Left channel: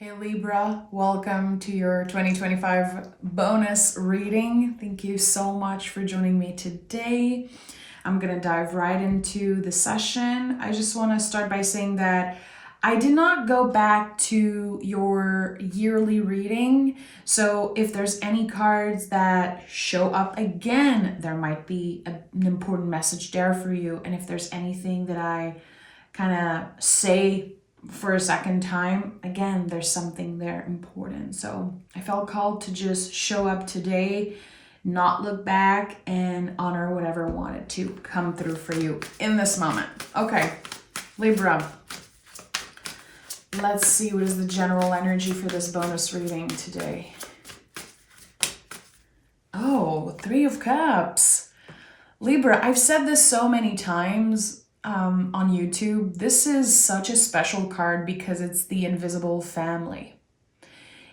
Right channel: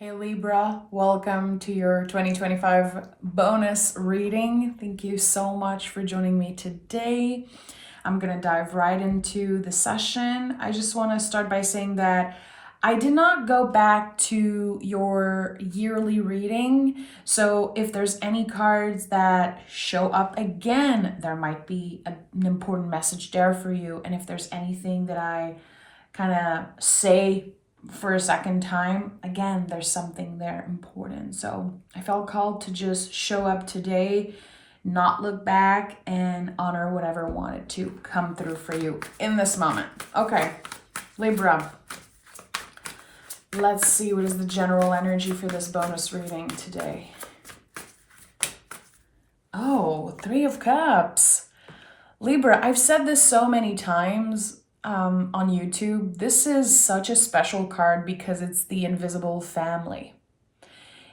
Hey Libra, welcome to your 2025 bonus reading. Thank you so much for joining me today. I'm going to dive right into the session. I just want to start by saying that I did not go back to your yearly reading. So if there's any cards that show up again, there might be an important message there for you. And if there's anything that I kind of say for a second time, again, there's something there important. So I felt called to just show up today, not look back, and honor whatever wanted to come through for you in this moment. Okay, Libra, let's see what is the general energy for this bonus reading today. Oh, Three of Cups. Libra, I've said this so many times on YouTube. This is such a special card because it's the invisible family.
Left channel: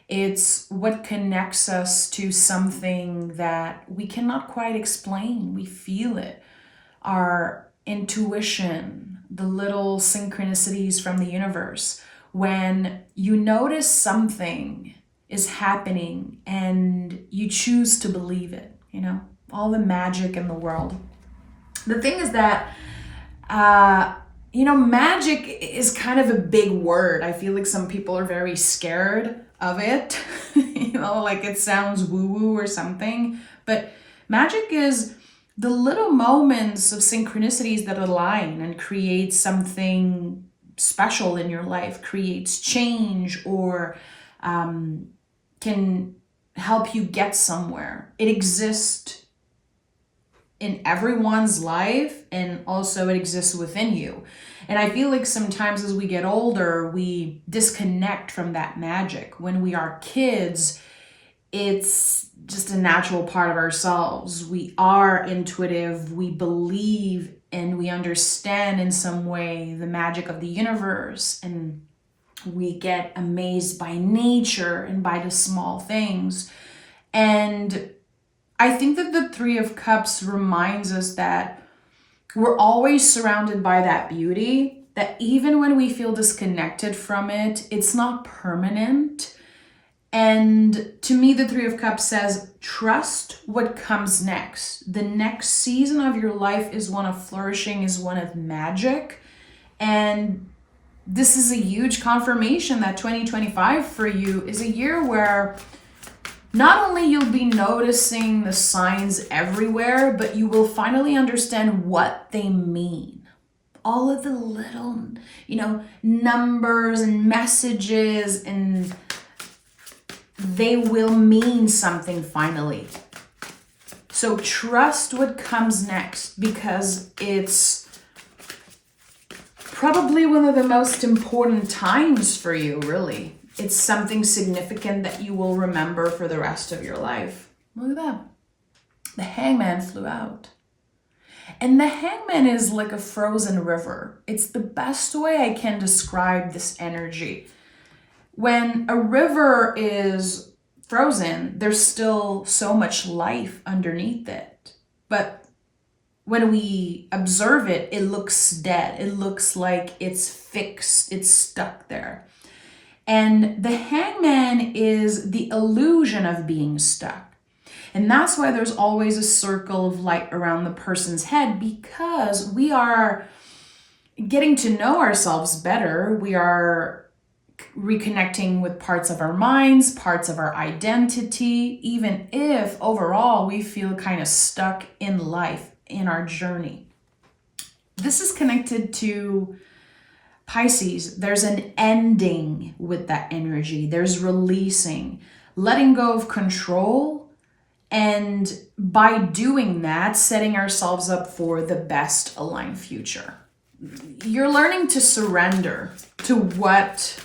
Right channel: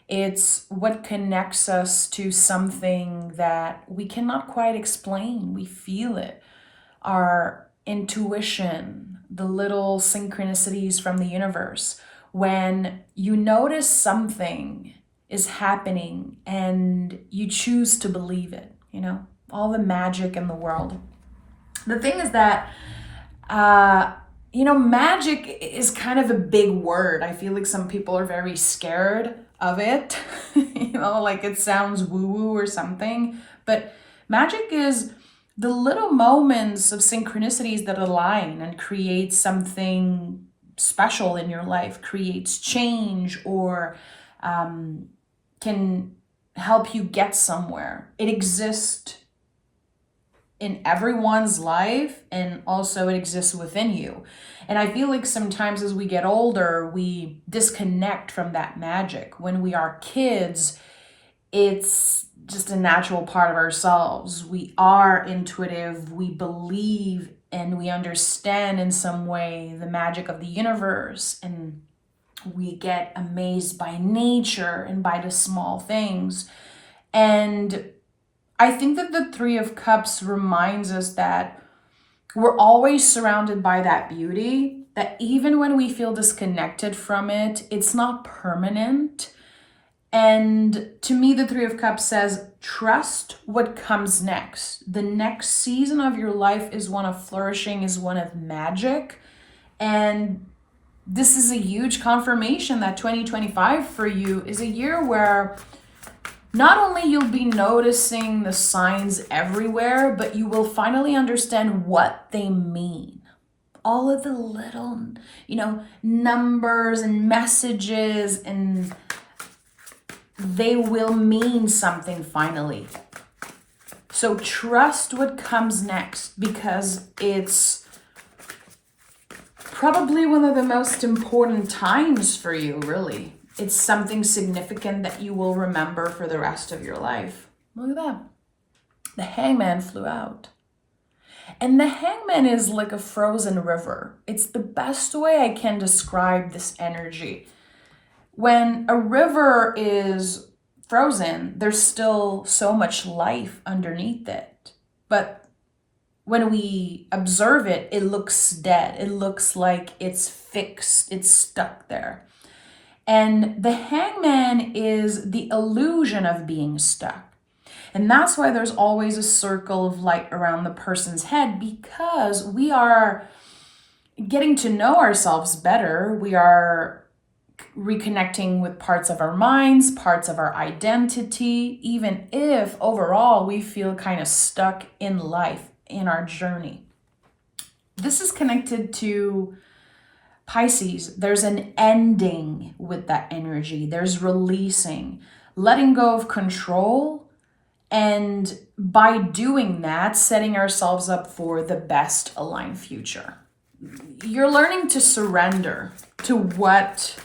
It's what connects us to something that we cannot quite explain. We feel it. Our intuition, the little synchronicities from the universe. When you notice something is happening and you choose to believe it, all the magic in the world. The thing is that magic is kind of a big word. I feel like some people are very scared of it, like it sounds woo-woo or something. But magic is the little moments of synchronicities that align and create something special in your life, creates change, or can help you get somewhere. It exists in everyone's life, and also it exists within you. And I feel like sometimes as we get older, we disconnect from that magic. When we are kids, it's just a natural part of ourselves. We are intuitive, we believe, and we understand in some way the magic of the universe, and we get amazed by nature and by the small things. And I think that the Three of Cups reminds us that we're always surrounded by that beauty, that even when we feel disconnected from it, it's not permanent. And to me, the Three of Cups says, trust what comes next. The next season of your life is one of flourishing, is one of magic. And this is a huge confirmation that 2025 for you is a year where not only you'll be noticing the signs everywhere, but you will finally understand what they mean. All of the little, numbers and messages, and they will mean something finally. So trust what comes next, because it's probably one of the most important times for you, really. It's something significant that you will remember for the rest of your life. Look at that. The hangman flew out. And the hangman is like a frozen river. It's the best way I can describe this energy. When a river is frozen, there's still so much life underneath it. But when we observe it, it looks dead. It looks like it's fixed. It's stuck there. And the hangman is the illusion of being stuck. And that's why there's always a circle of light around the person's head, because we are getting to know ourselves better. We are reconnecting with parts of our minds, parts of our identity, even if overall we feel kind of stuck in life, in our journey. This is connected to Pisces. There's an ending with that energy. There's releasing, letting go of control, and by doing that, setting ourselves up for the best aligned future. You're learning to surrender to what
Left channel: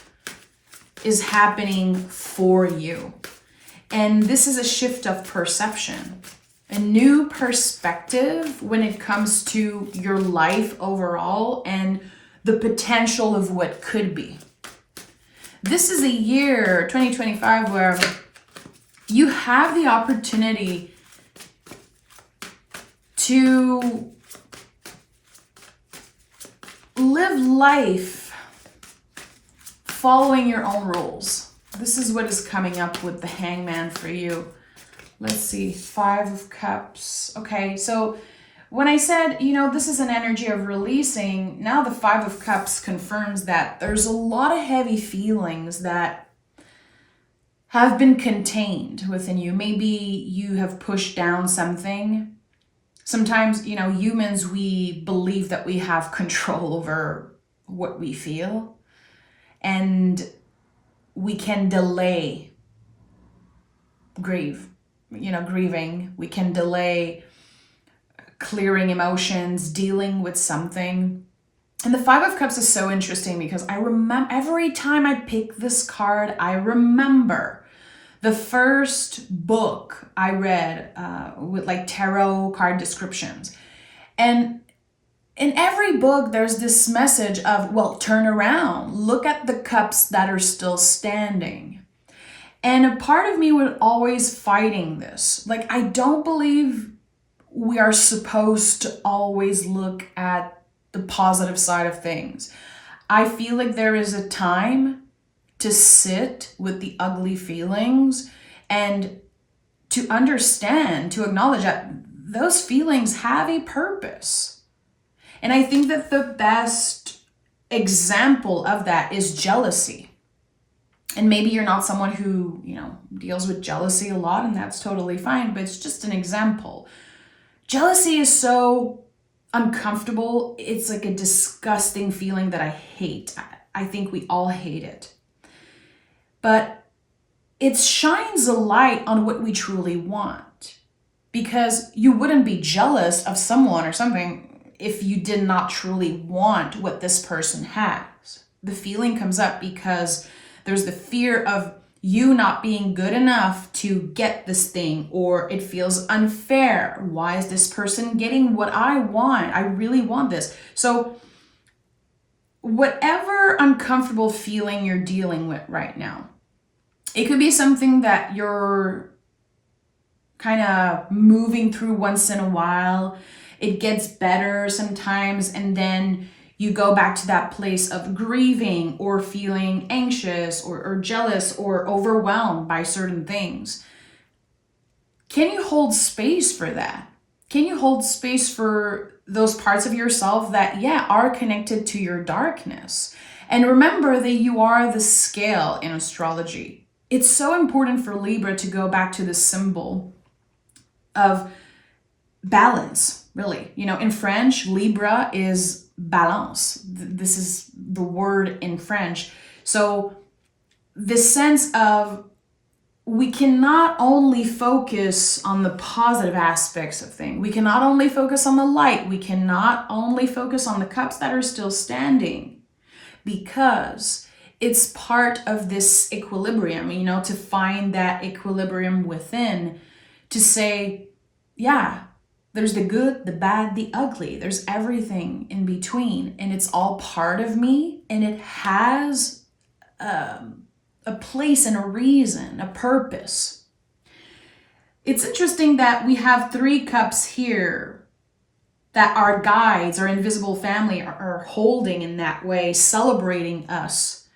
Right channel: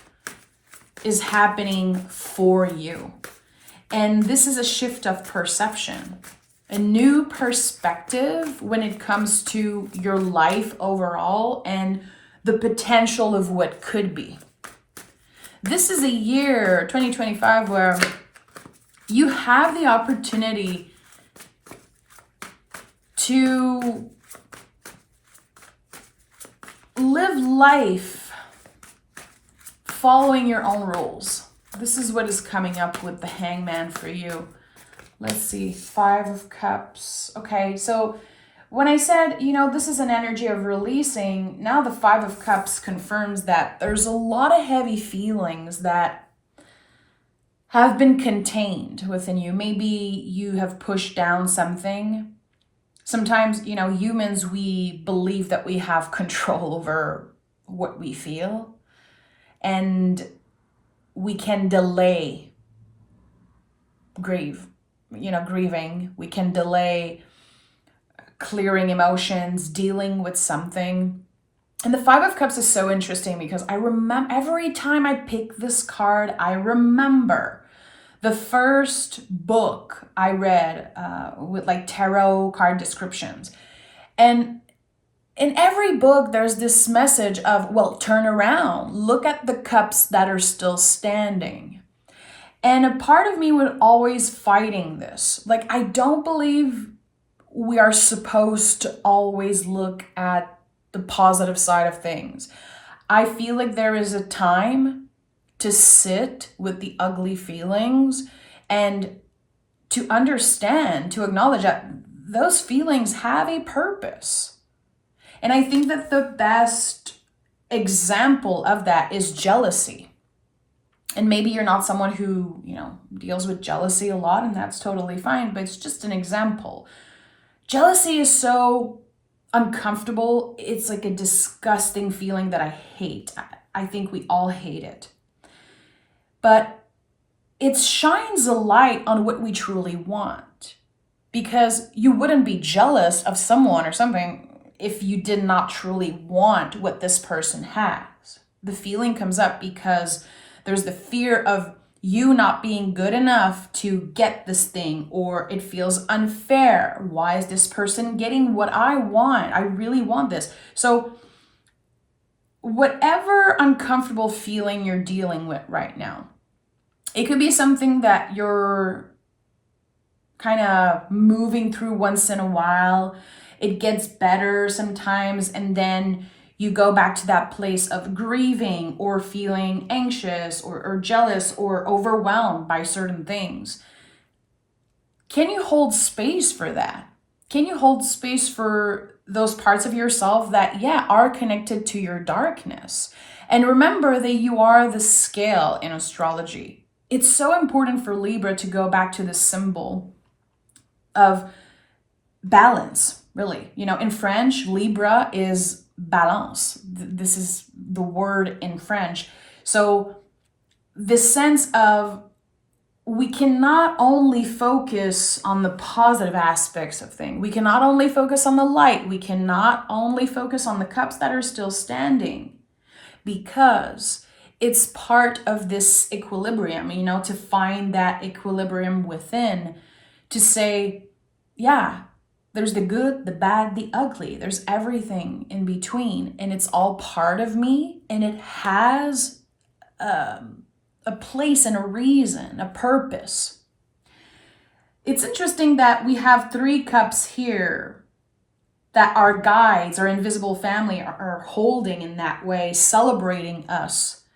is happening for you. And this is a shift of perception, a new perspective when it comes to your life overall and the potential of what could be. This is a year, 2025, where you have the opportunity to live life following your own rules. This is what is coming up with the hangman for you. Let's see, 5 of Cups. Okay, so when I said, this is an energy of releasing, now the 5 of Cups confirms that there's a lot of heavy feelings that have been contained within you. Maybe you have pushed down something. Sometimes, humans, we believe that we have control over what we feel, and we can delay grieving. We can delay clearing emotions, dealing with something. And the 5 of Cups is so interesting because I remember every time I pick this card, I remember the first book I read with like tarot card descriptions. And in every book, there's this message of, well, turn around, look at the cups that are still standing. And a part of me was always fighting this. Like, I don't believe we are supposed to always look at the positive side of things. I feel like there is a time to sit with the ugly feelings and to understand, to acknowledge that those feelings have a purpose. And I think that the best example of that is jealousy. And maybe you're not someone who, deals with jealousy a lot, and that's totally fine, but it's just an example. Jealousy is so uncomfortable. It's like a disgusting feeling that I hate. I think we all hate it. But it shines a light on what we truly want, because you wouldn't be jealous of someone or something if you did not truly want what this person has. The feeling comes up because there's the fear of you not being good enough to get this thing, or it feels unfair. Why is this person getting what I want? I really want this. So whatever uncomfortable feeling you're dealing with right now, it could be something that you're kind of moving through once in a while. It gets better sometimes, and then you go back to that place of grieving or feeling anxious or jealous or overwhelmed by certain things. Can you hold space for that? Can you hold space for those parts of yourself that, are connected to your darkness? And remember that you are the scale in astrology. It's so important for Libra to go back to the symbol of balance, really. In French, Libra is balance. This is the word in French. So this sense of we cannot only focus on the positive aspects of things. We cannot only focus on the light. We cannot only focus on the cups that are still standing, because it's part of this equilibrium, to find that equilibrium within, to say, there's the good, the bad, the ugly. There's everything in between, and it's all part of me, and it has a place and a reason, a purpose. It's interesting that we have 3 cups here that our guides, our invisible family are holding in that way, celebrating us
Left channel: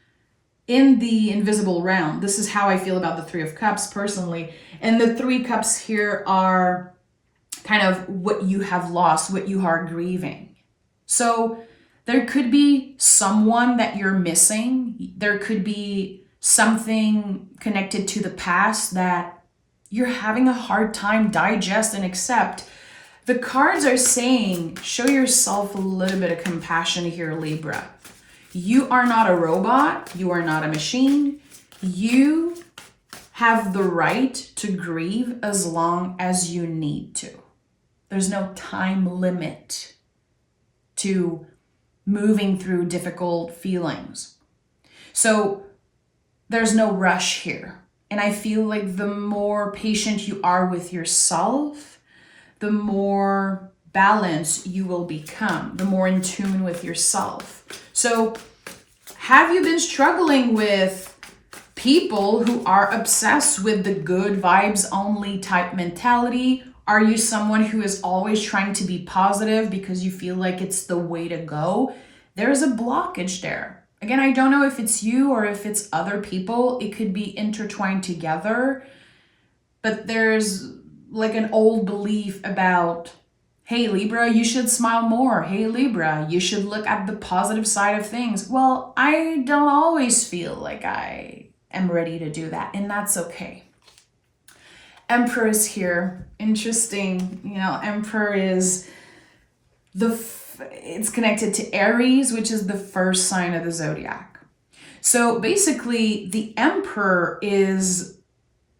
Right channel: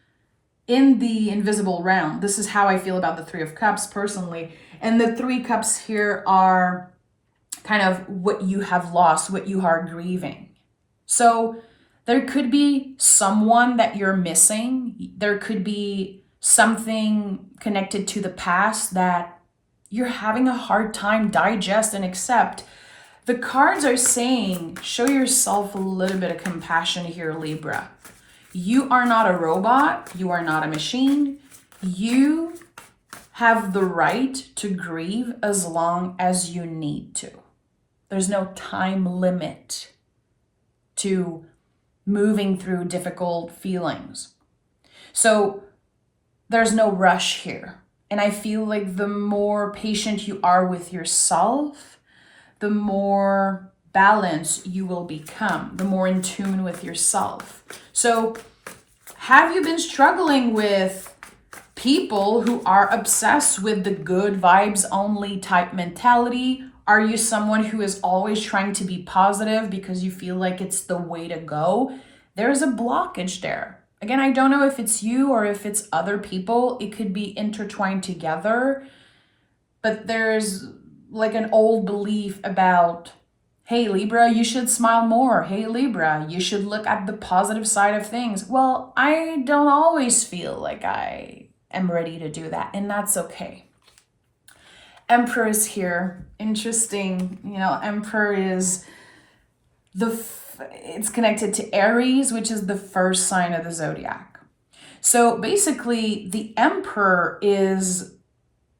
in the invisible realm. This is how I feel about the 3 of Cups personally. And the 3 cups here are kind of what you have lost, what you are grieving. So there could be someone that you're missing. There could be something connected to the past that you're having a hard time digest and accept. The cards are saying, show yourself a little bit of compassion here, Libra. You are not a robot. You are not a machine. You have the right to grieve as long as you need to. There's no time limit to moving through difficult feelings. So there's no rush here. And I feel like the more patient you are with yourself, the more balanced you will become, the more in tune with yourself. So have you been struggling with people who are obsessed with the good vibes only type mentality? Are you someone who is always trying to be positive because you feel like it's the way to go? There is a blockage there. Again, I don't know if it's you or if it's other people. It could be intertwined together. But there's like an old belief about, hey, Libra, you should smile more. Hey, Libra, you should look at the positive side of things. Well, I don't always feel like I am ready to do that, and that's okay. Emperor is here. Interesting. Emperor is it's connected to Aries, which is the first sign of the zodiac. So basically, the Emperor is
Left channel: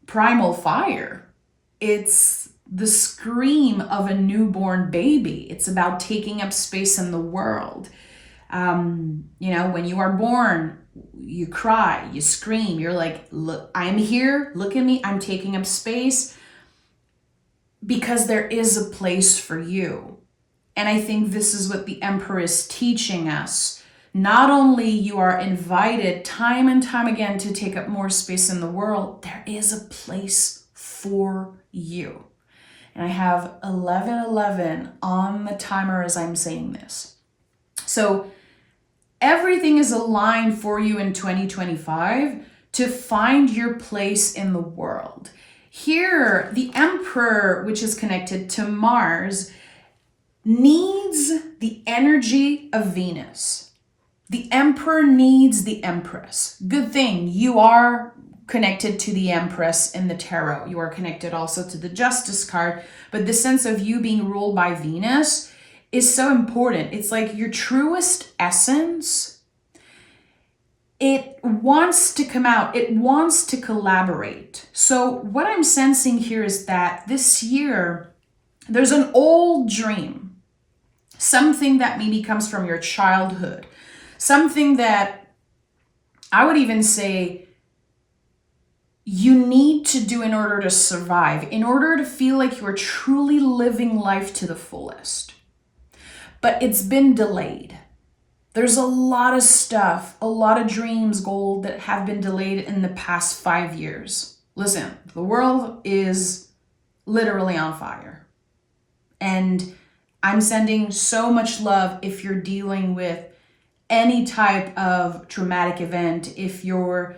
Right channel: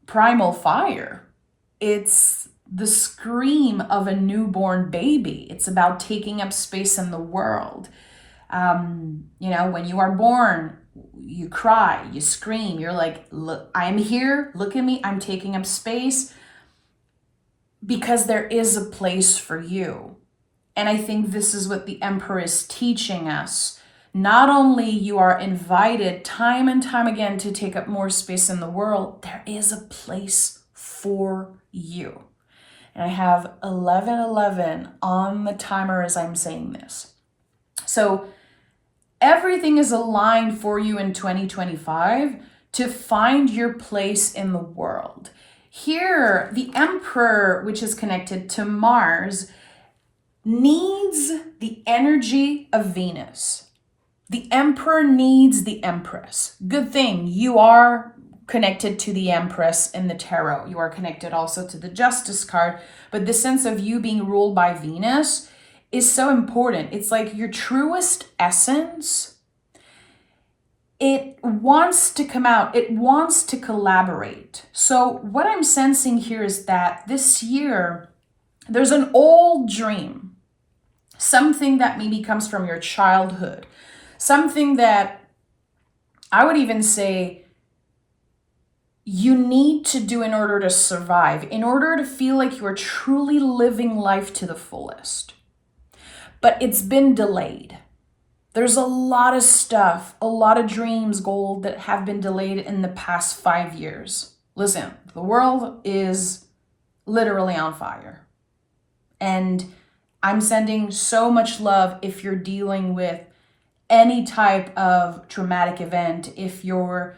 primal fire. It's the scream of a newborn baby. It's about taking up space in the world. When you are born, you cry, you scream, you're like, look, I'm here, look at me, I'm taking up space, because there is a place for you. And I think this is what the Emperor is teaching us. Not only you are invited time and time again to take up more space in the world, there is a place for you. And I have 1111 on the timer as I'm saying this. So everything is aligned for you in 2025 to find your place in the world. Here, the Emperor, which is connected to Mars, needs the energy of Venus. The Emperor needs the Empress. Good thing you are connected to the Empress in the tarot. You are connected also to the Justice card, but the sense of you being ruled by Venus is so important. It's like your truest essence. It wants to come out. It wants to collaborate. So what I'm sensing here is that this year, there's an old dream, something that maybe comes from your childhood, something that I would even say you need to do in order to survive, in order to feel like you're truly living life to the fullest. But it's been delayed. There's a lot of stuff, a lot of dreams, goals that have been delayed in the past 5 years. Listen, the world is literally on fire. And I'm sending so much love if you're dealing with any type of traumatic event, if you're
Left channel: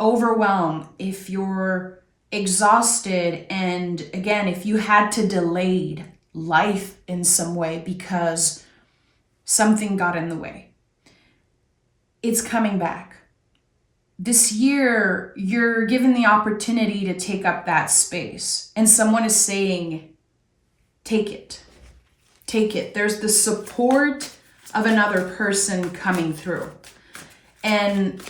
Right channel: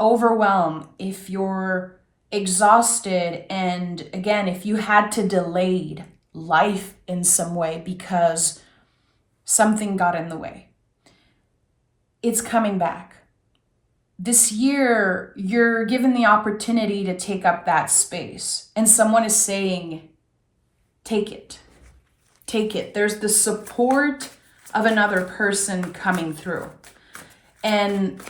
overwhelmed, if you're exhausted, and again, if you had to delay life in some way because something got in the way. It's coming back. This year, you're given the opportunity to take up that space. And someone is saying, take it. Take it. There's the support of another person coming through. And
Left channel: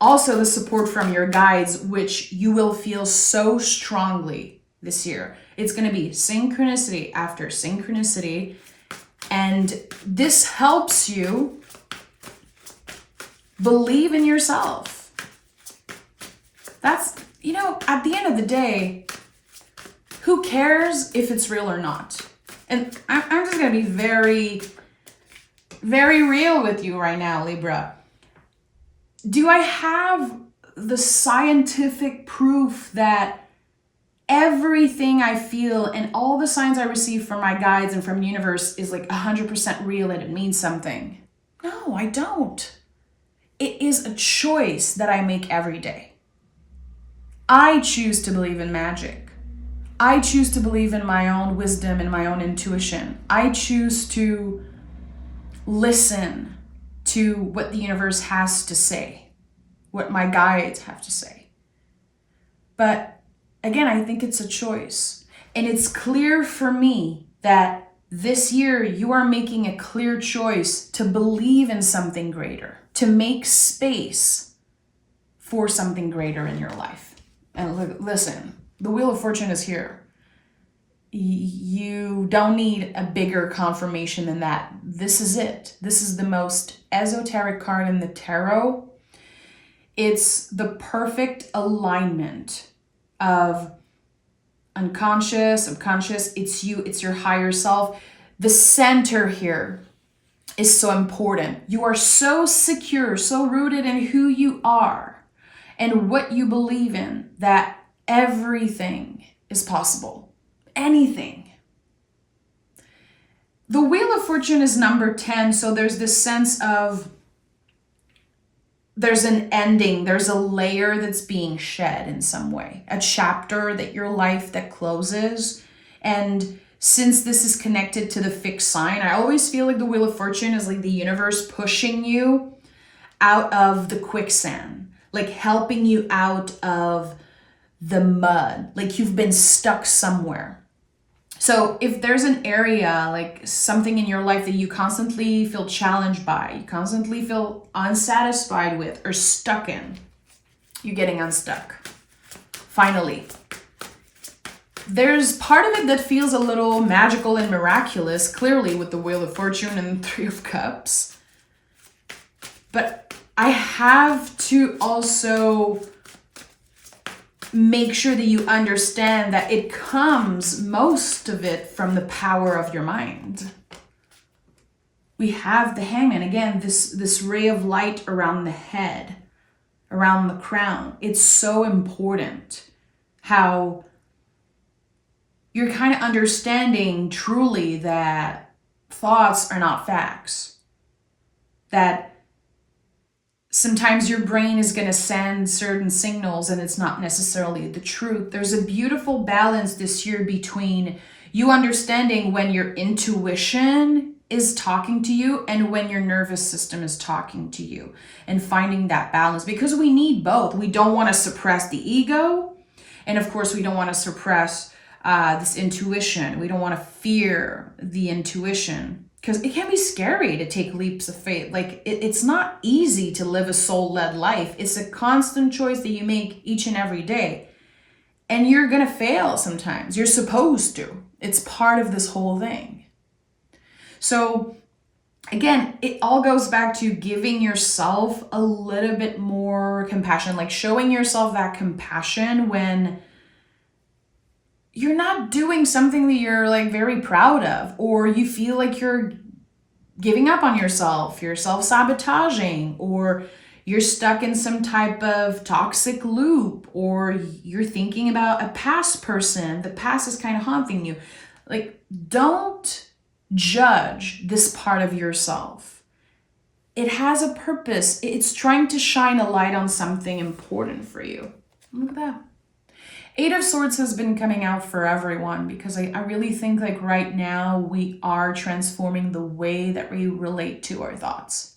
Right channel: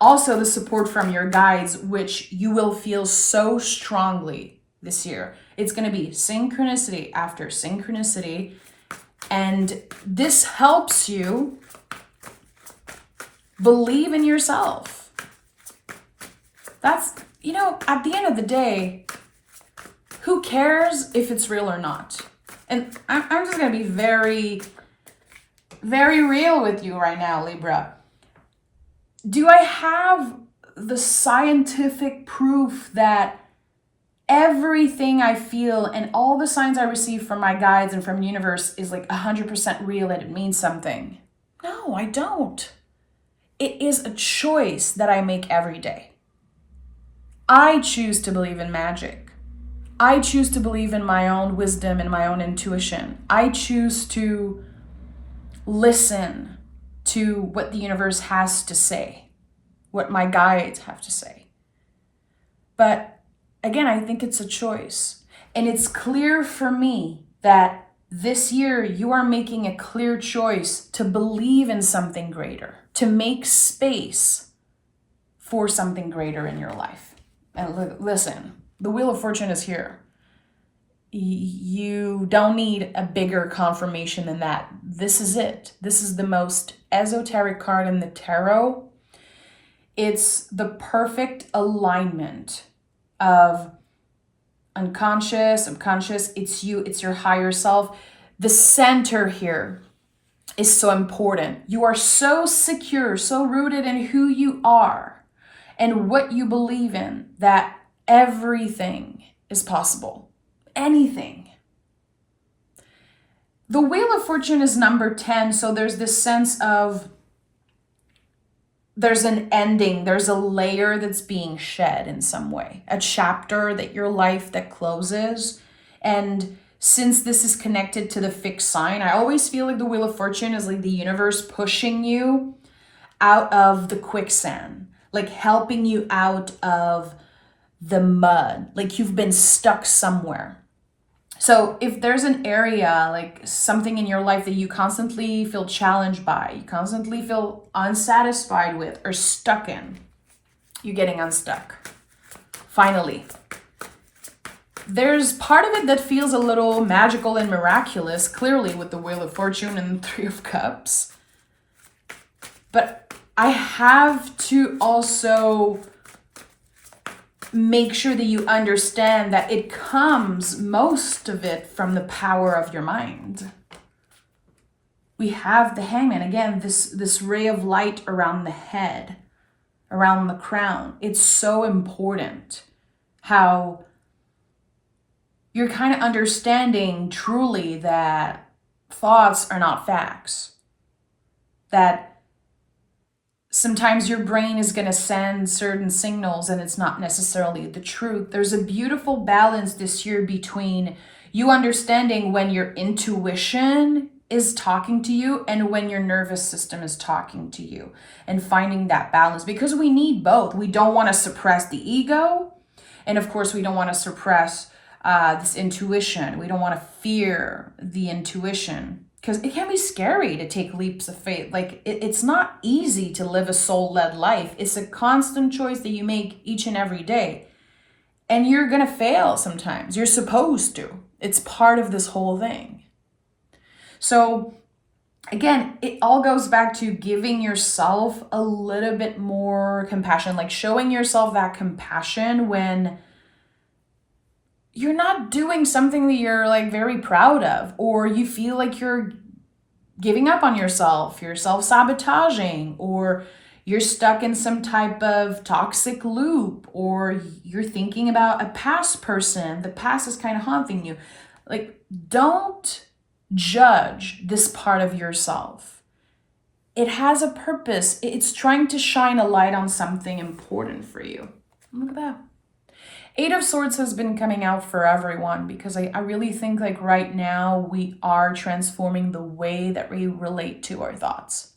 also the support from your guides, which you will feel so strongly this year. It's going to be synchronicity after synchronicity. And this helps you believe in yourself. That's, at the end of the day, who cares if it's real or not? And I'm just going to be very, very real with you right now, Libra. Do I have the scientific proof that everything I feel and all the signs I receive from my guides and from the universe is like 100% real and it means something? No, I don't. It is a choice that I make every day. I choose to believe in magic. I choose to believe in my own wisdom and my own intuition. I choose to listen to what the universe has to say, what my guides have to say. But again, I think it's a choice. And it's clear for me that this year you are making a clear choice to believe in something greater, to make space for something greater in your life. And listen, the Wheel of Fortune is here. You don't need a bigger confirmation than that. This is it. This is the most esoteric card in the tarot. It's the perfect alignment of unconscious, subconscious. It's you, it's your higher self. The center here is so important. You are so secure, so rooted in who you are and what you believe in that everything is possible. Anything. The Wheel of Fortune is number 10, so there's this sense of there's an ending, there's a layer that's being shed in some way, a chapter that your life that closes. And since this is connected to the fixed sign, I always feel like the Wheel of Fortune is like the universe pushing you out of the quicksand, like helping you out of the mud, like you've been stuck somewhere. So if there's an area, like something in your life that you constantly feel challenged by, you constantly feel unsatisfied with or stuck in, you're getting unstuck. Finally. There's part of it that feels a little magical and miraculous, clearly with the Wheel of Fortune and the Three of Cups. But I have to also make sure that you understand that it comes, most of it, from the power of your mind. We have the Hangman, again, this ray of light around the head, around the crown. It's so important how you're kind of understanding truly that thoughts are not facts. That sometimes your brain is going to send certain signals and it's not necessarily the truth. There's a beautiful balance this year between you understanding when your intuition is talking to you and when your nervous system is talking to you, and finding that balance, because we need both. We don't want to suppress the ego. And of course, we don't want to suppress this intuition. We don't want to fear the intuition, because it can be scary to take leaps of faith. Like it's not easy to live a soul-led life. It's a constant choice that you make each and every day. And you're going to fail sometimes. You're supposed to. It's part of this whole thing. So again, it all goes back to giving yourself a little bit more compassion, like showing yourself that compassion when you're not doing something that you're like very proud of, or you feel like you're giving up on yourself, you're self-sabotaging, or you're stuck in some type of toxic loop, or you're thinking about a past person. The past is kind of haunting you. Like, don't judge this part of yourself. It has a purpose. It's trying to shine a light on something important for you. Look at that. Eight of Swords has been coming out for everyone, because I really think like right now we are transforming the way that we relate to our thoughts.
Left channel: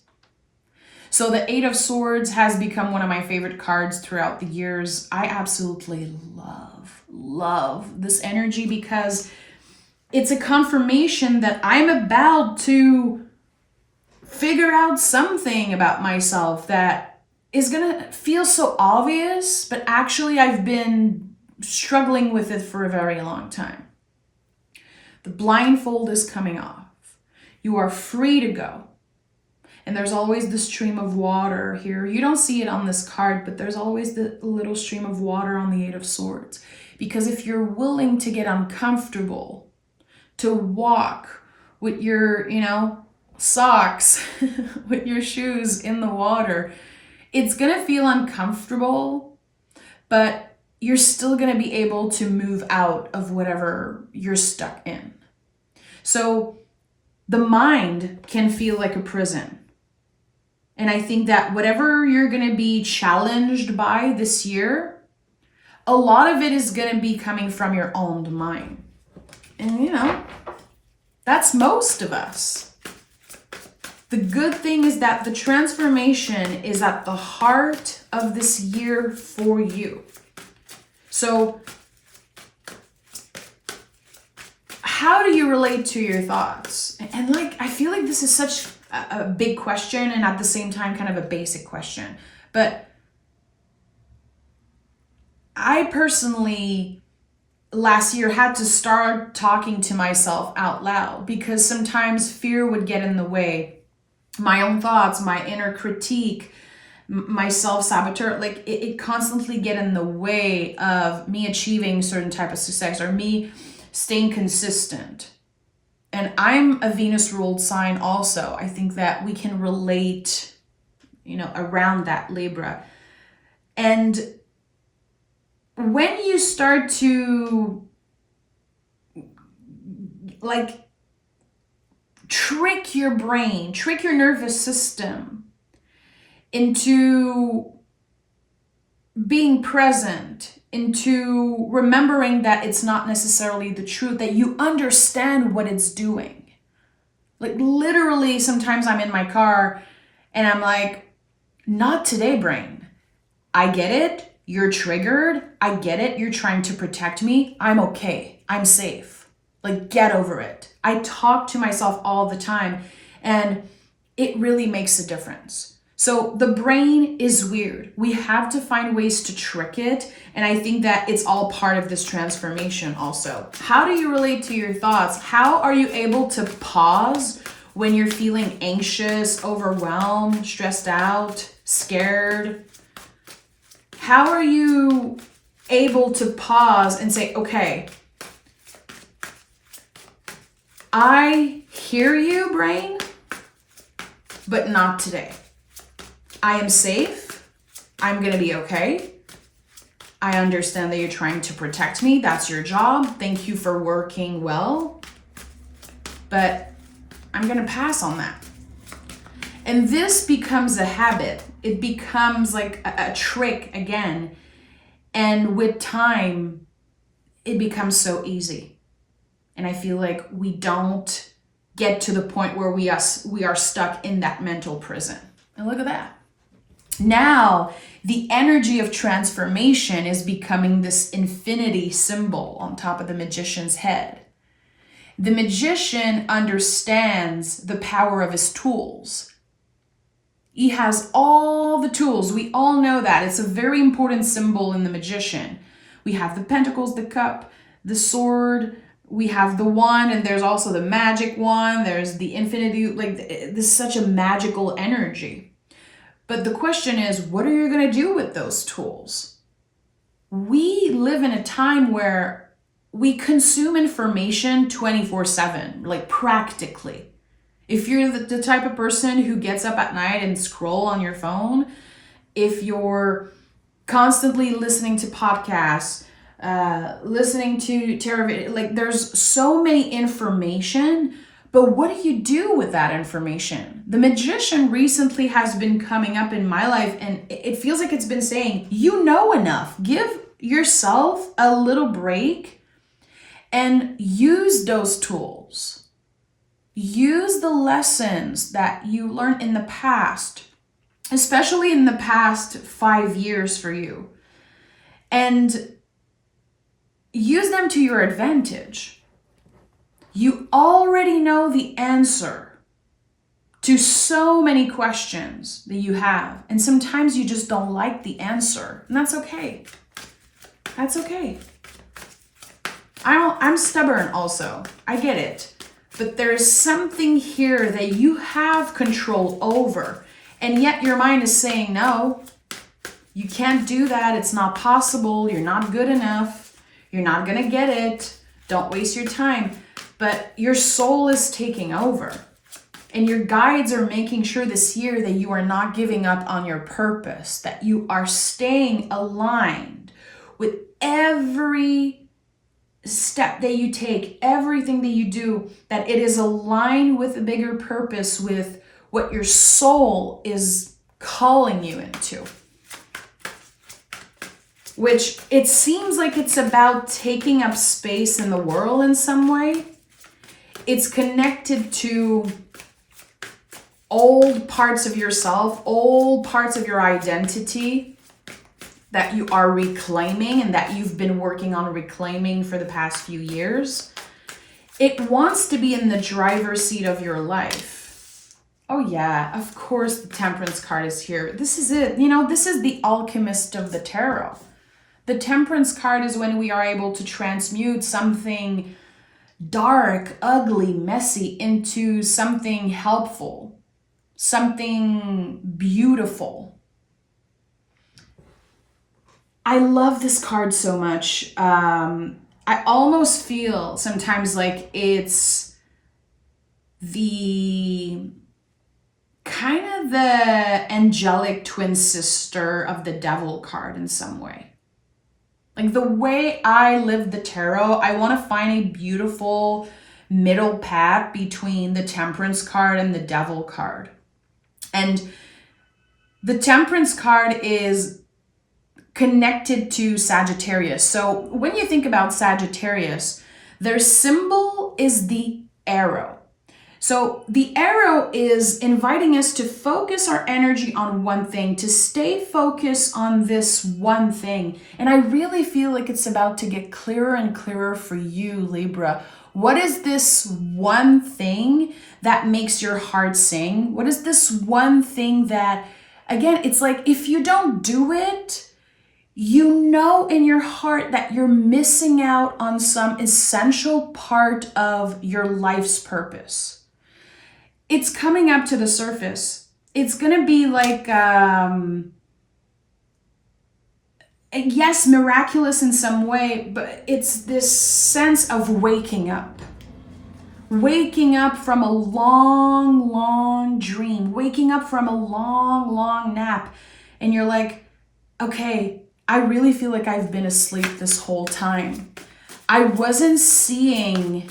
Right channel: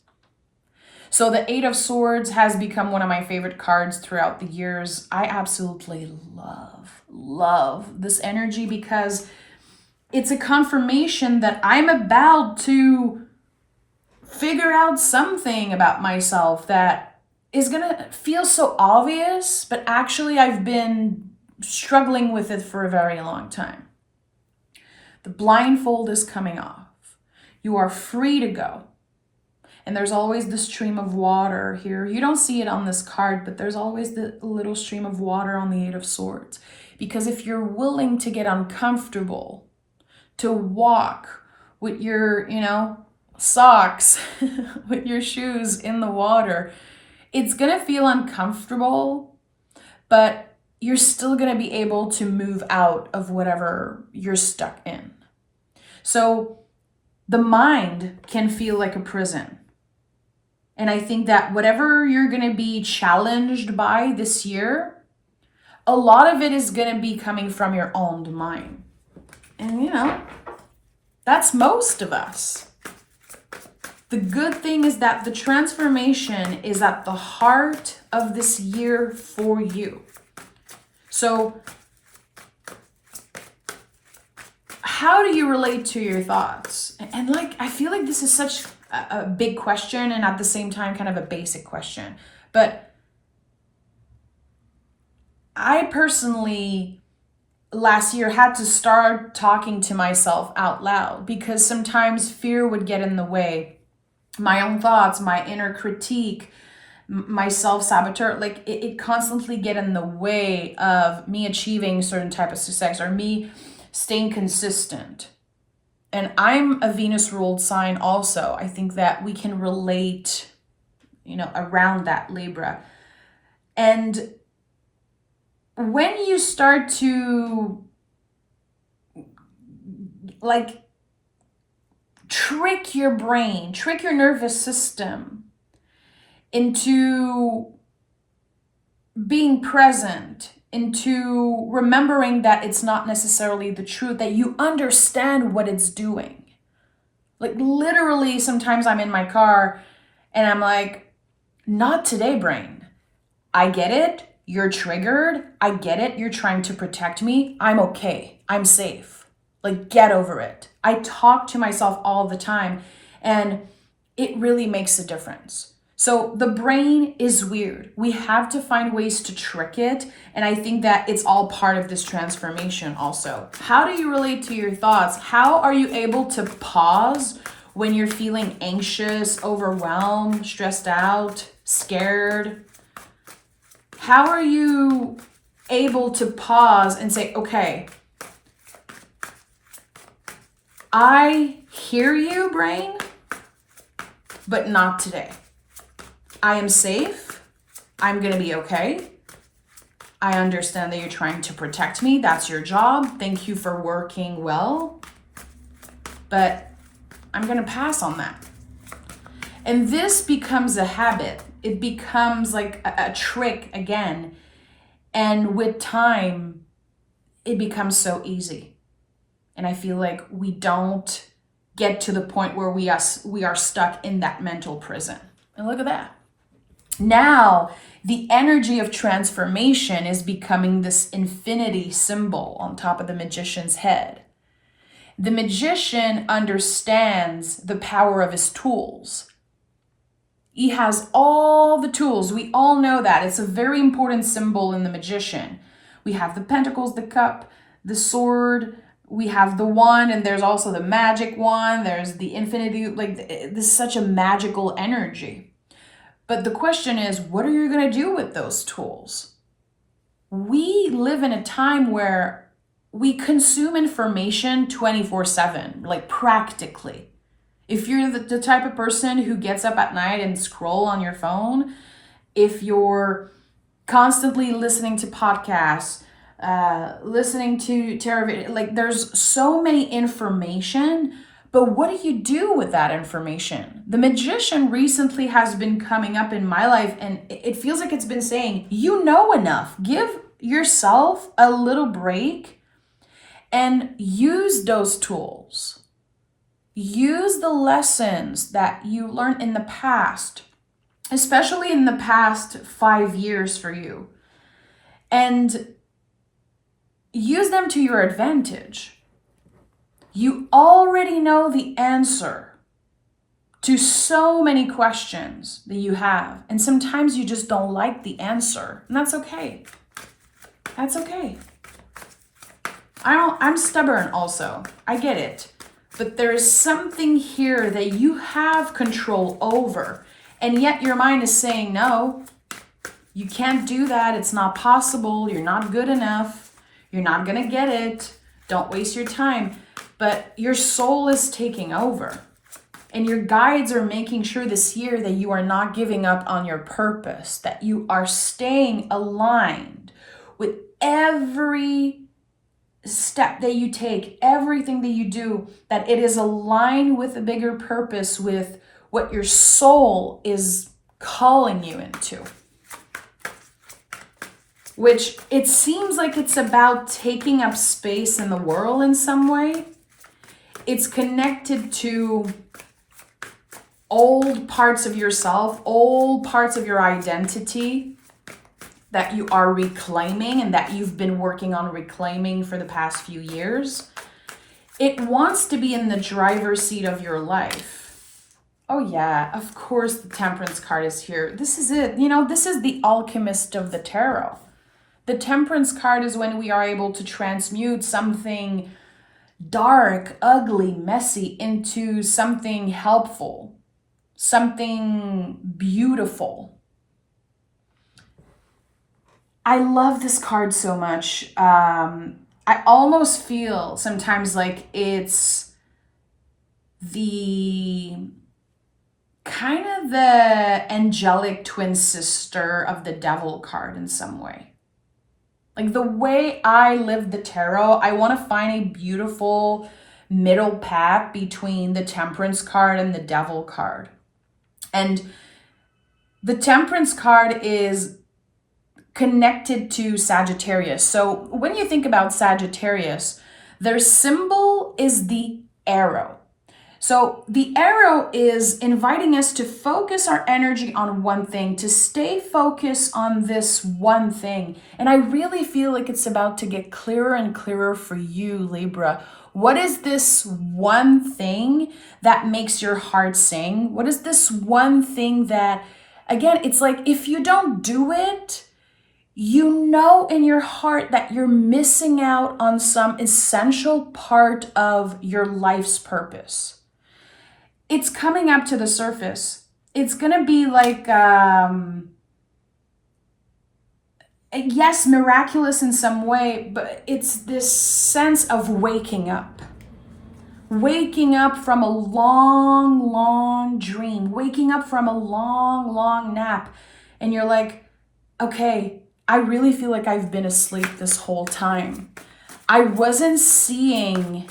So the Eight of Swords has become one of my favorite cards throughout the years. I absolutely love this energy, because it's a confirmation that I'm about to figure out something about myself that is gonna feel so obvious, but actually I've been struggling with it for a very long time. The blindfold is coming off. You are free to go. And there's always the stream of water here. You don't see it on this card, but there's always the little stream of water on the Eight of Swords. Because if you're willing to get uncomfortable, to walk with your, socks, with your shoes in the water, it's gonna feel uncomfortable, but you're still going to be able to move out of whatever you're stuck in. So the mind can feel like a prison. And I think that whatever you're going to be challenged by this year, a lot of it is going to be coming from your own mind. And that's most of us. The good thing is that the transformation is at the heart of this year for you. So how do you relate to your thoughts? And I feel like this is such a big question, and at the same time kind of a basic question. But I personally last year had to start talking to myself out loud, because sometimes fear would get in the way. My own thoughts, my inner critique, my self-saboteur, it constantly get in the way of me achieving certain type of success, or me staying consistent. And I'm a Venus ruled sign also. I think that we can relate, around that, Libra. And when you start to trick your brain, trick your nervous system into being present, into remembering that it's not necessarily the truth, that you understand what it's doing. Like literally, sometimes I'm in my car and I'm like, not today, brain. I get it. You're triggered. I get it. You're trying to protect me. I'm okay. I'm safe. Like, get over it. I talk to myself all the time, and it really makes a difference. So the brain is weird. We have to find ways to trick it. And I think that it's all part of this transformation also. How do you relate to your thoughts? How are you able to pause when you're feeling anxious, overwhelmed, stressed out, scared? How are you able to pause and say, okay, I hear you, brain, but not today. I am safe. I'm going to be okay. I understand that you're trying to protect me. That's your job. Thank you for working well. But I'm going to pass on that. And this becomes a habit. It becomes like a trick again. And with time, it becomes so easy. And I feel like we don't get to the point where we are stuck in that mental prison. And look at that. Now, the energy of transformation is becoming this infinity symbol on top of the magician's head. The magician understands the power of his tools. He has all the tools. We all know that. It's a very important symbol in the magician. We have the pentacles, the cup, the sword, we have the wand, and there's also the magic wand. There's the infinity. Like, this is such a magical energy. But the question is, what are you going to do with those tools? We live in a time where we consume information 24/7, like practically. If you're the type of person who gets up at night and scroll on your phone, if you're constantly listening to podcasts, listening to television, like there's so many information. But what do you do with that information? The magician recently has been coming up in my life, and it feels like it's been saying, you know enough. Give yourself a little break and use those tools. Use the lessons that you learned in the past, especially in the past 5 years for you, and use them to your advantage. You already know the answer to so many questions that you have. And sometimes you just don't like the answer. And that's okay. That's okay. I'm stubborn also. I get it. But there is something here that you have control over. And yet your mind is saying, no, you can't do that. It's not possible. You're not good enough. You're not going to get it. Don't waste your time. But your soul is taking over. And your guides are making sure this year that you are not giving up on your purpose, that you are staying aligned with every step that you take, everything that you do, that it is aligned with a bigger purpose, with what your soul is calling you into. Which it seems like it's about taking up space in the world in some way. It's connected to old parts of yourself, old parts of your identity that you are reclaiming and that you've been working on reclaiming for the past few years. It wants to be in the driver's seat of your life. Oh yeah, of course the Temperance card is here. This is it. This is the alchemist of the tarot. The Temperance card is when we are able to transmute something dark, ugly, messy into something helpful, something beautiful. I love this card so much. I almost feel sometimes like it's the kind of the angelic twin sister of the Devil card in some way. Like the way I live the tarot, I want to find a beautiful middle path between the Temperance card and the Devil card. And The Temperance card is connected to Sagittarius. So when you think about Sagittarius, their symbol is the arrow. So the arrow is inviting us to focus our energy on one thing, to stay focused on this one thing. And I really feel like it's about to get clearer and clearer for you, Libra. What is this one thing that makes your heart sing? What is this one thing that, again, it's like if you don't do it, you know in your heart that you're missing out on some essential part of your life's purpose. It's coming up to the surface. It's going to be like, yes, miraculous in some way, but it's this sense of waking up. Waking up from a long, long dream. Waking up from a long, long nap. And you're like, okay, I really feel like I've been asleep this whole time. I wasn't seeing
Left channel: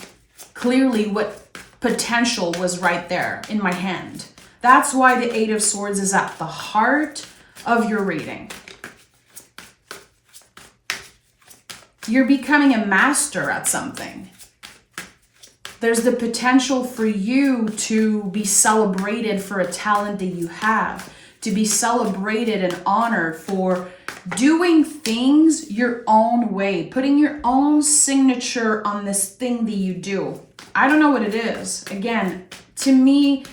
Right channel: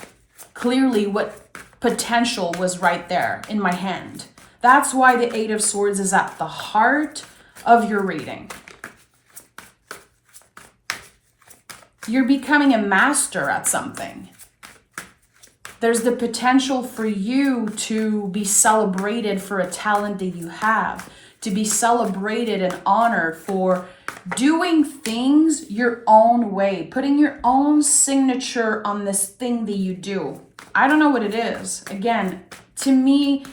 clearly what potential was right there in my hand. That's why the Eight of Swords is at the heart of your reading. You're becoming a master at something. There's the potential for you to be celebrated for a talent that you have, to be celebrated and honored for doing things your own way, putting your own signature on this thing that you do. I don't know what it is. Again, to me,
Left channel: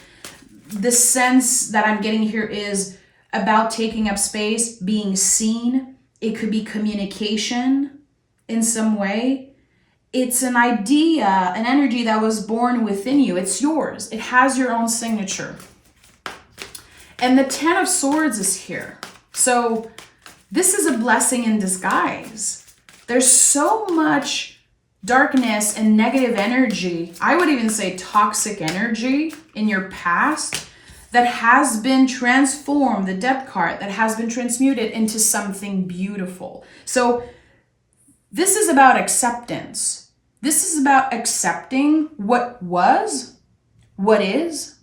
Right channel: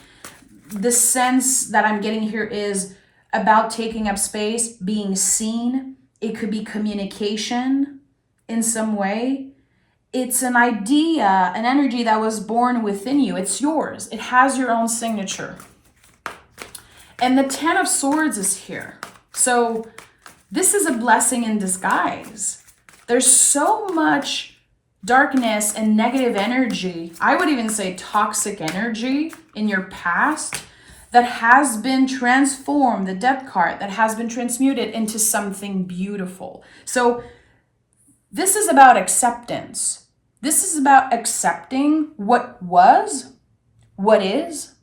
the sense that I'm getting here is about taking up space, being seen. It could be communication in some way. It's an idea, an energy that was born within you. It's yours. It has your own signature. And the Ten of Swords is here. So this is a blessing in disguise. There's so much darkness and negative energy, I would even say toxic energy in your past that has been transformed, the Death card, that has been transmuted into something beautiful. So this is about acceptance. This is about accepting what was, what is,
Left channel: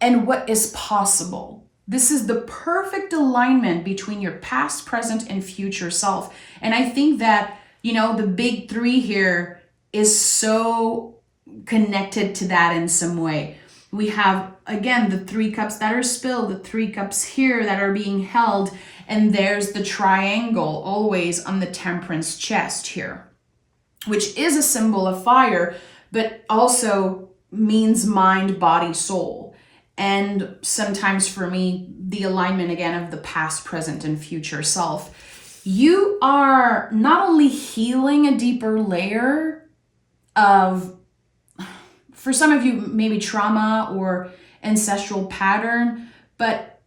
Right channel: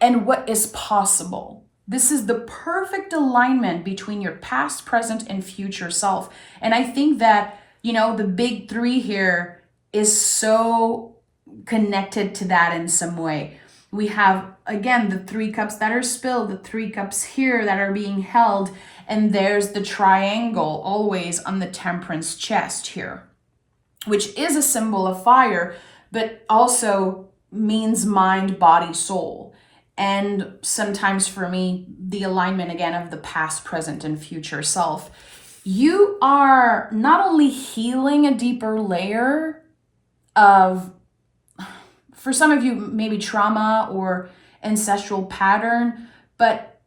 and what is possible. This is the perfect alignment between your past, present, and future self. And I think that, the big three here is so connected to that in some way. We have, again, the 3 cups that are spilled, the 3 cups here that are being held, and there's the triangle always on the Temperance chest here, which is a symbol of fire, but also means mind, body, soul. And sometimes for me, the alignment again of the past, present, and future self. You are not only healing a deeper layer of, for some of you, maybe trauma or ancestral pattern, but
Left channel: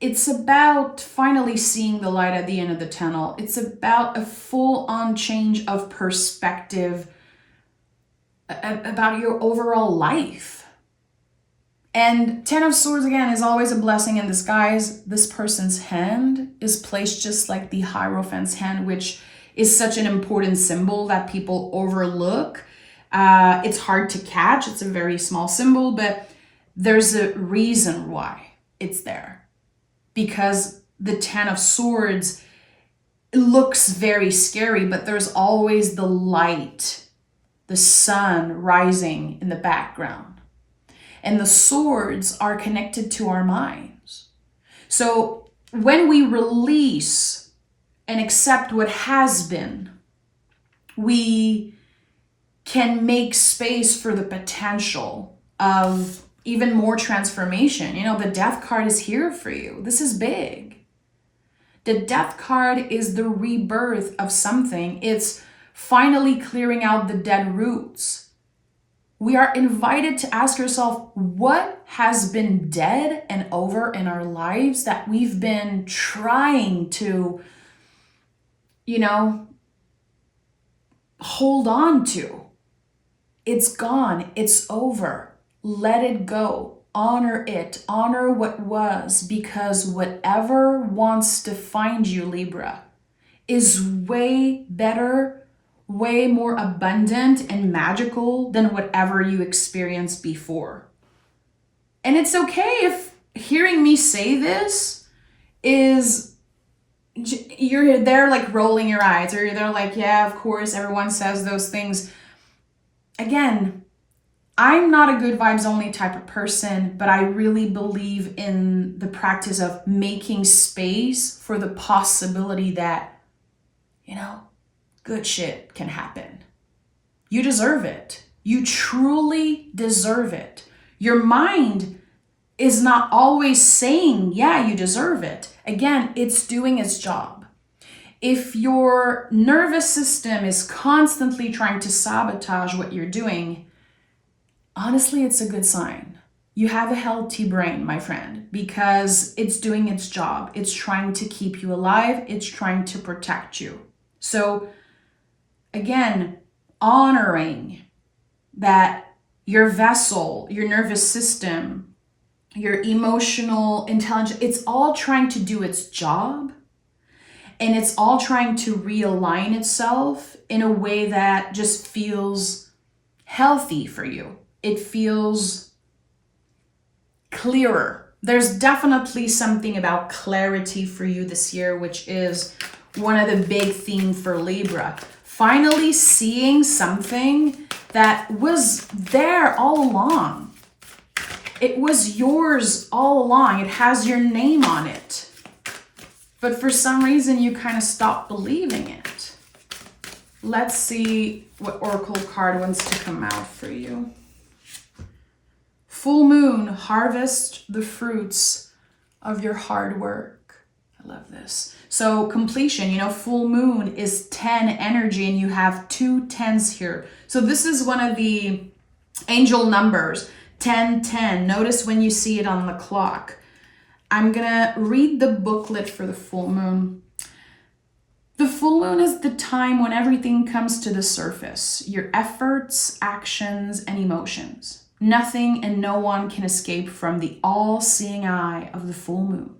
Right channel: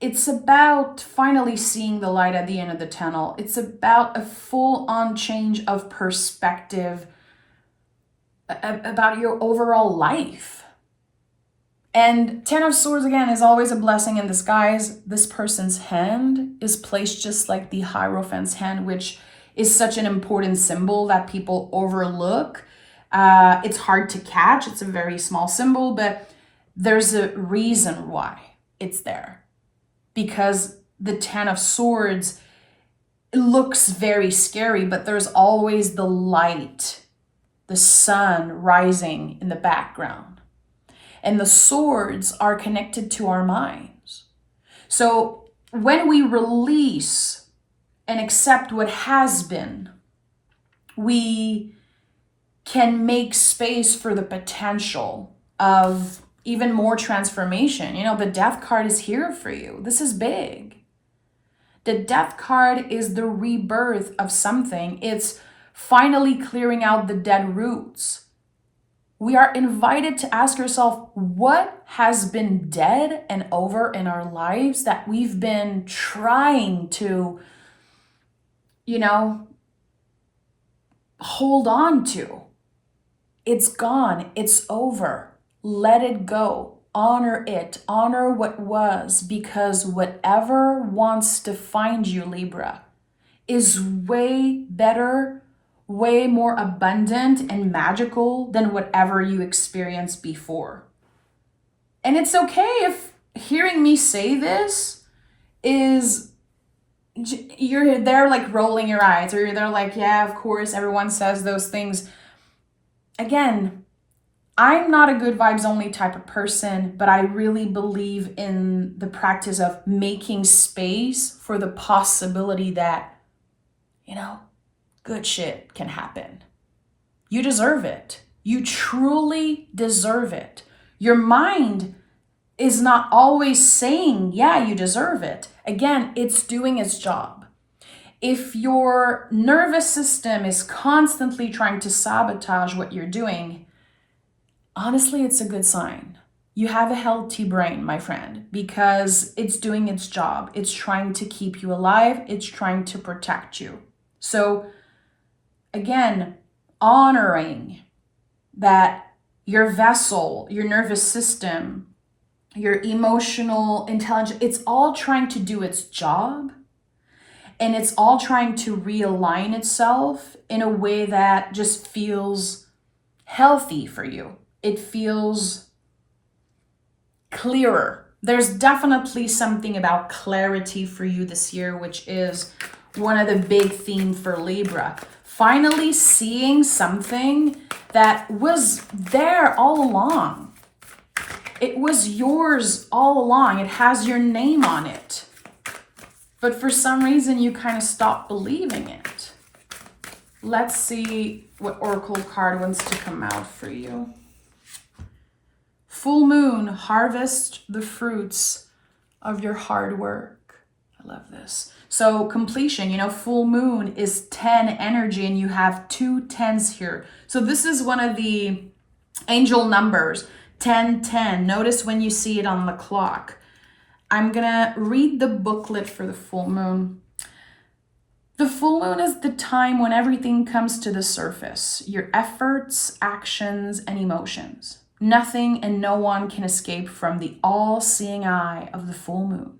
it's about finally seeing the light at the end of the tunnel. It's about a full-on change of perspective about your overall life. And Ten of Swords, again, is always a blessing in disguise. This person's hand is placed just like the Hierophant's hand, which is such an important symbol that people overlook. It's hard to catch. It's a very small symbol, but there's a reason why it's there. Because the Ten of Swords looks very scary, but there's always the light, the sun rising in the background. And the swords are connected to our minds. So when we release and accept what has been, we can make space for the potential of even more transformation. The Death card is here for you. This is big. The Death card is the rebirth of something. It's finally clearing out the dead roots. We are invited to ask yourself, what has been dead and over in our lives that we've been trying to, hold on to? It's gone. It's over. Let it go. Honor it. Honor what was, because whatever wants to find you, Libra, is way better, way more abundant and magical than whatever you experienced before. And it's okay if hearing me say this, is you're there like rolling your eyes, or you're there like, yeah, of course, everyone says those things. Again, I'm not a good vibes only type of person, but I really believe in the practice of making space for the possibility that, good shit can happen. You deserve it. You truly deserve it. Your mind is not always saying, yeah, you deserve it. Again, it's doing its job. If your nervous system is constantly trying to sabotage what you're doing, honestly, it's a good sign. You have a healthy brain, my friend, because it's doing its job. It's trying to keep you alive. It's trying to protect you. So again, honoring that your vessel, your nervous system, your emotional intelligence, it's all trying to do its job, and it's all trying to realign itself in a way that just feels healthy for you. It feels clearer. There's definitely something about clarity for you this year, which is one of the big themes for Libra. Finally seeing something that was there all along. It was yours all along. It has your name on it. But for some reason, you kind of stopped believing it. Let's see what Oracle card wants to come out for you. Full moon, harvest the fruits of your hard work. I love this. So completion, full moon is 10 energy, and you have 2 10s here. So this is one of the angel numbers, 1010. Notice when you see it on the clock. I'm gonna read the booklet for the full moon. The full moon is the time when everything comes to the surface, your efforts, actions, and emotions. Nothing and no one can escape from the all-seeing eye of the full moon.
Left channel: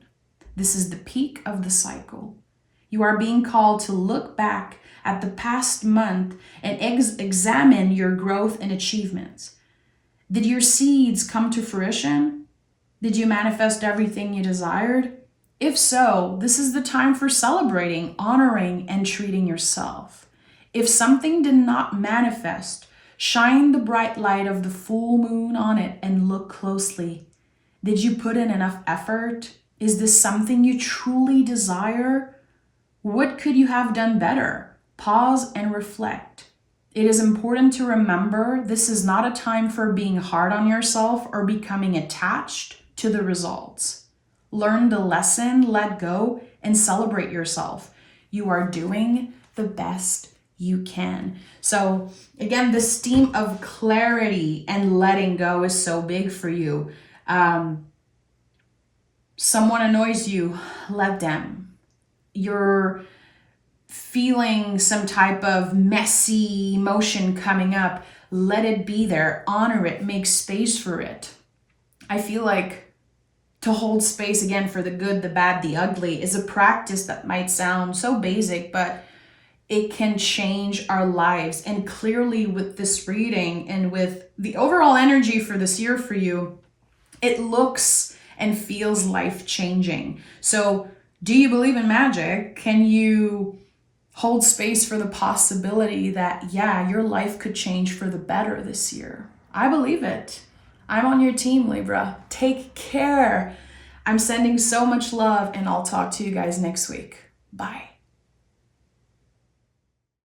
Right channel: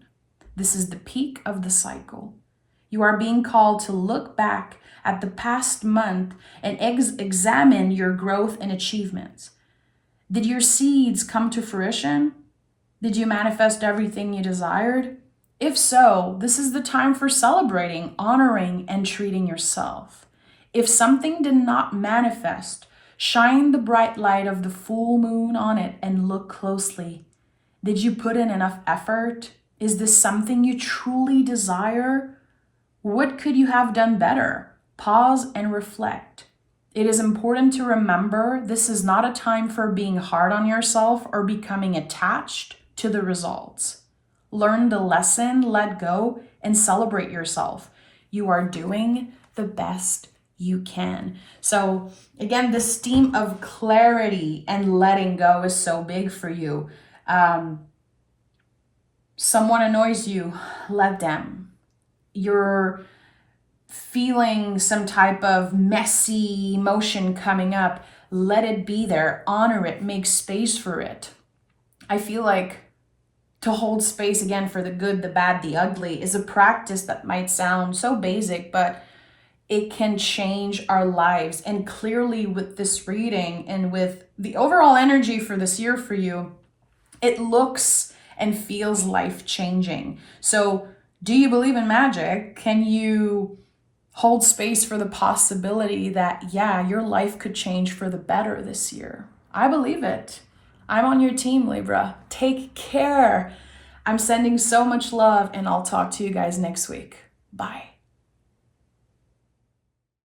This is the peak of the cycle. You are being called to look back at the past month and examine your growth and achievements. Did your seeds come to fruition? Did you manifest everything you desired? If so, this is the time for celebrating, honoring, and treating yourself. If something did not manifest, shine the bright light of the full moon on it and look closely. Did you put in enough effort? Is this something you truly desire? What could you have done better? Pause and reflect. It is important to remember this is not a time for being hard on yourself or becoming attached to the results. Learn the lesson, let go, and celebrate yourself. You are doing the best you can. So again, this theme of clarity and letting go is so big for you. Someone annoys you, let them. You're feeling some type of messy emotion coming up, let it be there, honor it, make space for it. I feel like to hold space again for the good, the bad, the ugly is a practice that might sound so basic, but it can change our lives. And clearly with this reading and with the overall energy for this year for you, it looks and feels life-changing. So do you believe in magic? Can you hold space for the possibility that, yeah, your life could change for the better this year? I believe it. I'm on your team, Libra. Take care. I'm sending so much love, and I'll talk to you guys next week. Bye.